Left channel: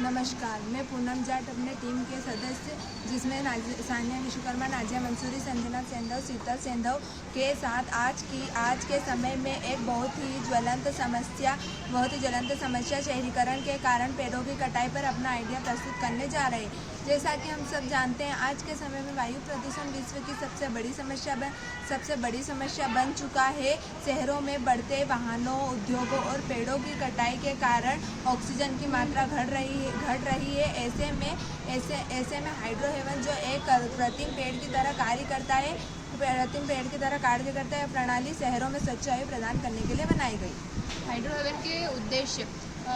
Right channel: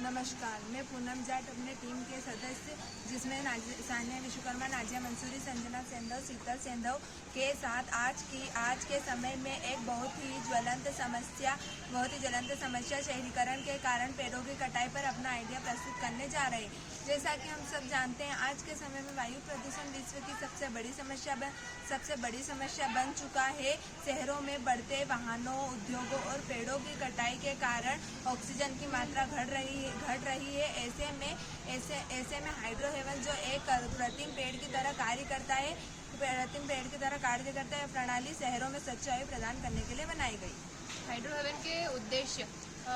नमस्कार, मैं पूनम जाट अपने टीम के सदस्य जिसमें सानिया विश्वकर्मा, नाजिया मंसूरी, संजना सेंधव, शीतल सेंधव के साथ आज के समय में एक बहुत ही ज्वलंत समस्या शहरीकरण के कारण पेड़ों की कटाई पर अपना आइडिया प्रस्तुत करने जा रहे हैं। जैसा कि हम सब जानते हैं, आज के समय में वायु प्रदूषण विश्व की सबसे बड़ी समस्या बन चुका है। शहरों में बढ़ते वाहनों, उद्योगों और पेड़ों की कटाई के कारण ऑक्सीजन की मात्रा घट रही है। ऐसे में हाइड्रो हेवन जो एक कृत्रिम पेड़ की तरह कार्य करता है, प्रणाली शहरों में स्वच्छ वायु प्रदान करने के लिए बनाई गई। हाइड्रो हेवन के उद्देश्य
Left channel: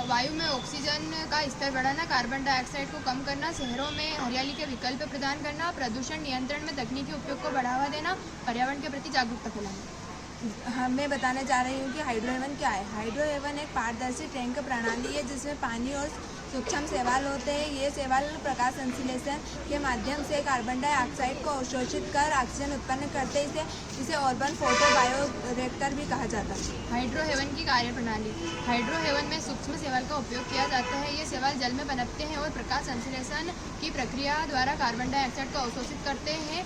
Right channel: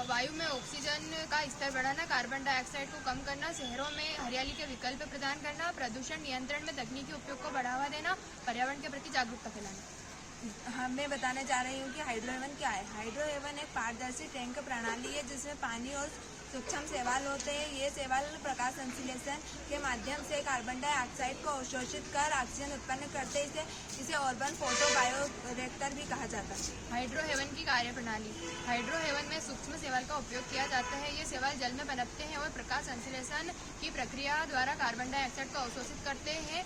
वायु में ऑक्सीजन का स्तर बढ़ाना, कार्बन डाइऑक्साइड को कम करना, शहरों में हरियाली के विकल्प प्रदान करना, प्रदूषण नियंत्रण में तकनीकी उपयोग को बढ़ावा देना, पर्यावरण के प्रति जागरूकता फैलाना। मैं बताने जा रही हूँ कि हाइड्रो हेवन क्या है। हाइड्रो हेवन एक पारदर्शी टैंक प्रणाली है जिसमें पानी और सूक्ष्म शैवाल होते हैं। ये शैवाल प्रकाश संश्लेषण के माध्यम से कार्बन डाइऑक्साइड को अवशोषित कर ऑक्सीजन उत्पन्न करते हैं। इसे अर्बन फोटो बायोरिएक्टर भी कहा जाता है। हाइड्रो हेवन की कार्यप्रणाली। हाइड्रो हेवन में सूक्ष्म शैवाल का उपयोग किया जाता है। ये शैवाल जल में पनपते हैं और प्रकाश संश्लेषण की प्रक्रिया द्वारा कार्बन डाइऑक्साइड को अवशोषित करते हैं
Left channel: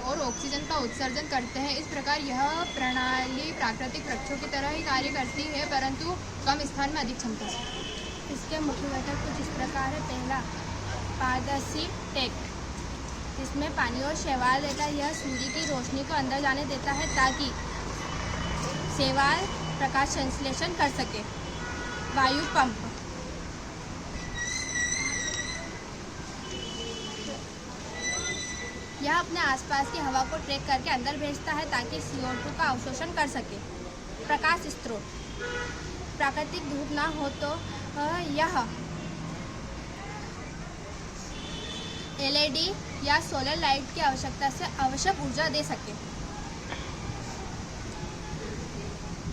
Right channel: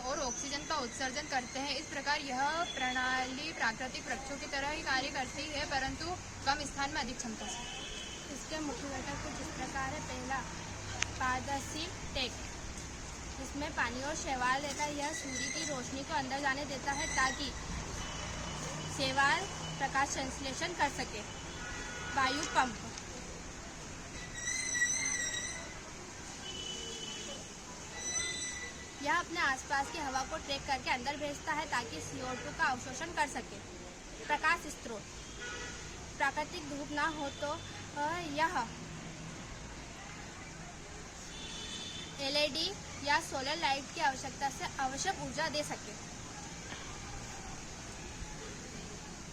और ऑक्सीजन का उत्सर्जन करते हैं। इस प्रकार यह प्रणाली प्राकृतिक वृक्षों की तरह ही कार्य करती है, परंतु कम स्थान में अधिक क्षमता से। इसके मुख्य घटक कुछ इस प्रकार है। पहला, पारदर्शी टैंक, इसमें पानी और शैवाल देता है। यह सूर्य की रोशनी को अंदर जाने देता है ताकि शैवाल प्रकाश संश्लेषण कर सके। वायु पंप, यह अपने आसपास की हवा को ट्रैक करके अंदर भेजता है ताकि CO2 का अवशोषण कर सके। प्रकाश स्रोत, प्राकृतिक धूप ना हो तो यह LED या सोलर लाइट की आवश्यकता से आवश्यक ऊर्जा दे सके।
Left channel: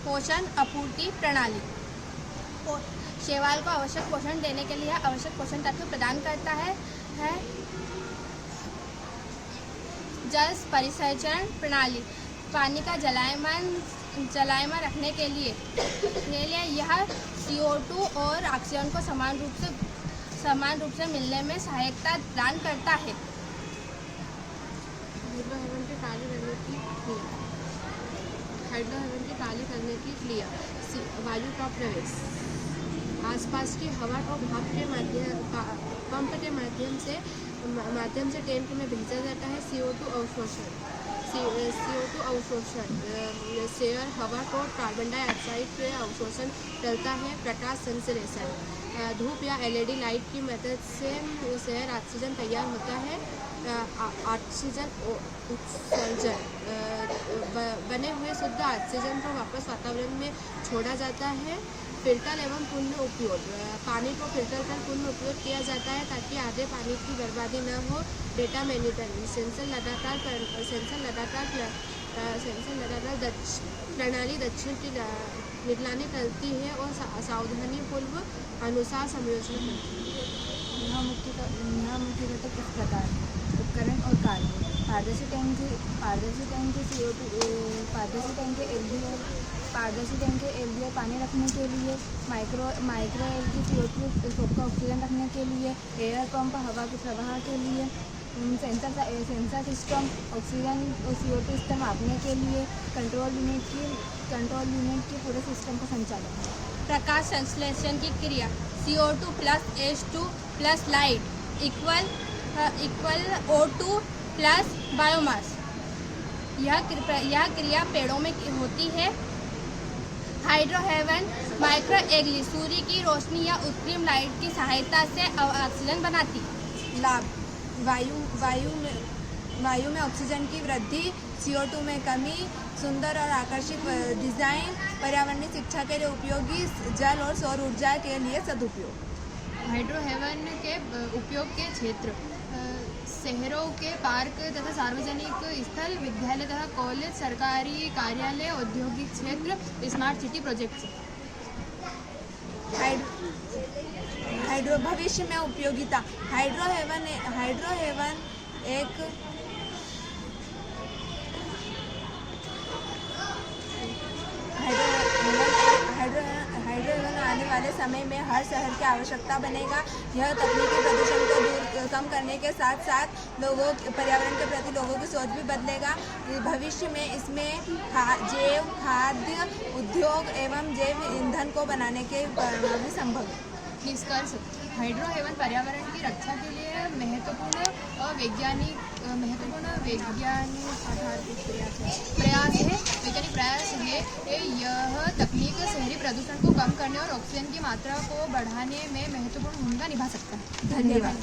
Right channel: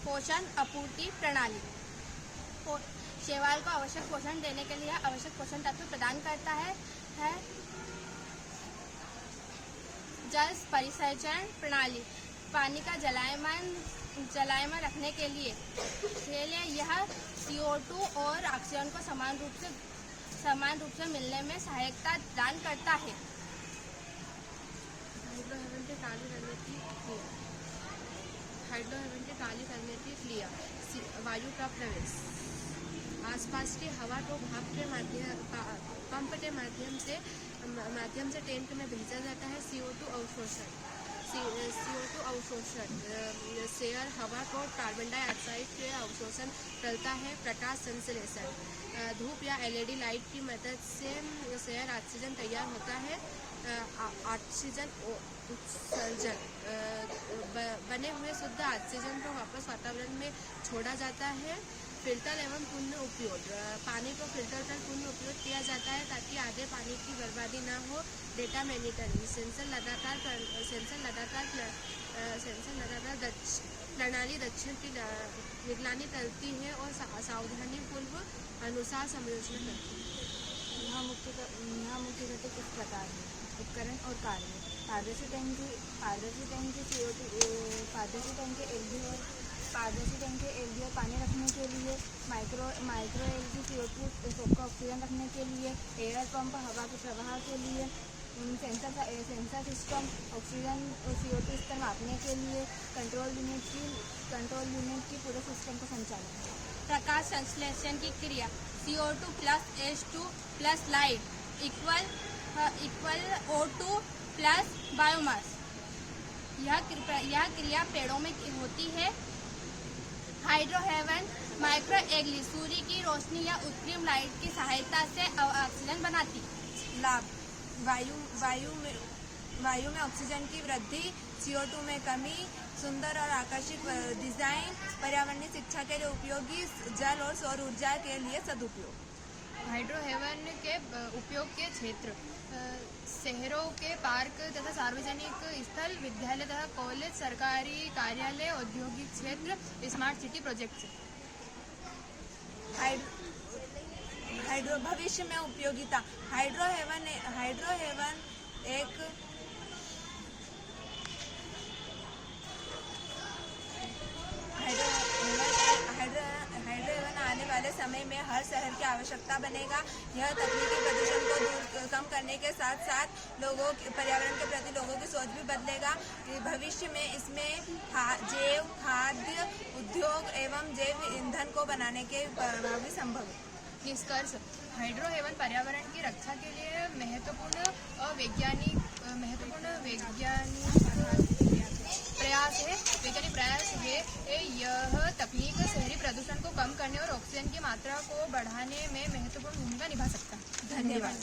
पोषण आपूर्ति प्रणाली, शैवाल को आवश्यक पोषण देने के लिए आवश्यक पोषण तत्व प्रदान करता है। जल परिसंचरण प्रणाली, पानी का जलायमान रखने के लिए यह CO2 और ऑक्सीजन को समान रूप से मिलने में सहायता प्रदान करता है। हाइड्रो हेवन की कार्य करने की क्रिया। वायु का प्रवेश, आसपास की हवा को भाप के पंप के माध्यम से टैंक में भेजा जाता है। CO2 अवशोषण, शेयर हवा को कार्बन डाइऑक्साइड के अवशोषण करता है। प्रकाश संश्लेषण, धूप या LED लाइट की मदद से शेयर ऑक्सीजन तैयार होता है। ऑक्सीजन उत्सर्जन, बने हुए शुद्ध ऑक्सीजन को वापस वातावरण में छोड़ा जाता है। फिल्टर एवं पुनः उपयोग, पानी को फिल्टर कर पुनः उपयोग किया जाता है ताकि आगे पानी की बर्बादी न हो। डेटा मॉनिटरिंग, सेंसर लगातार प्रणाली दक्षिण की निगरानी करती है और सावधानीपूर्वक अनुसार समायोजन करती है। यहाँ मुख्य घटक इस प्रकार है। उपकरण और कार्य। पारदर्शी टैंक के LD और पानी रखने के लिए, माइक्रो LD CO2 का ऑक्सीजन रखने के लिए, एयर पंप हवा के प्रवाह के लिए, सेंसर सिस्टम ऑक्सीजन और CO2 स्तर मापने के लिए, कंट्रोल यूनिट की पूरे सिस्टम का संचालन। प्रकाश संश्लेषण की क्रिया। CO2 plus H2 plus light equal O2 plus biomass. यह क्रिया पेड़ों में होती है। हाइड्रो हेवन माइक्रो एल्गी सूर्य की रोशनी या उत्तरी लाइट की सहायता से ऑक्सीजन बनाती। लाभ, वायु में ऑक्सीजन की वृद्धि, CO2 में कमी, सुंदर और आकर्षक डिजाइन, पर्यावरणीय शिक्षा के लिए उपयोगी, जल और सौर ऊर्जा के लिए सदुपयोग। हाइड्रो हेवन के उपयोग के क्षेत्र, शहरों के पार्क तथा सार्वजनिक स्थल, विद्यालय तथा कॉलेज, सरकारी कार्यालय, औद्योगिक क्षेत्र, स्मार्ट सिटी प्रोजेक्ट्स। हाइड्रो भविष्य में उपयोगिता। हाइड्रो हेवन आने वाले वाले समय में हर शहर की आवश्यकता बनेगा। यह तकनीकी प्रदूषण को कम करने के साथ साथ पर्यावरण के प्रति लोगों की सोच भी बदलेगा। भविष्य में इसमें जैव खाद्य उद्योग एवं जैव ईंधन को बनाने के भी संभव है। निष्कर्ष, हाइड्रो हेवन पर्यावरण की रक्षा के लिए महत्वपूर्ण वैज्ञानिक प्रयास है। यह तकनीक शहरी प्रदूषण को कम करने और ऑक्सीजन की मात्रा को बढ़ाने में महत्वपूर्ण भूमिका निभा सकता है। धन्यवाद।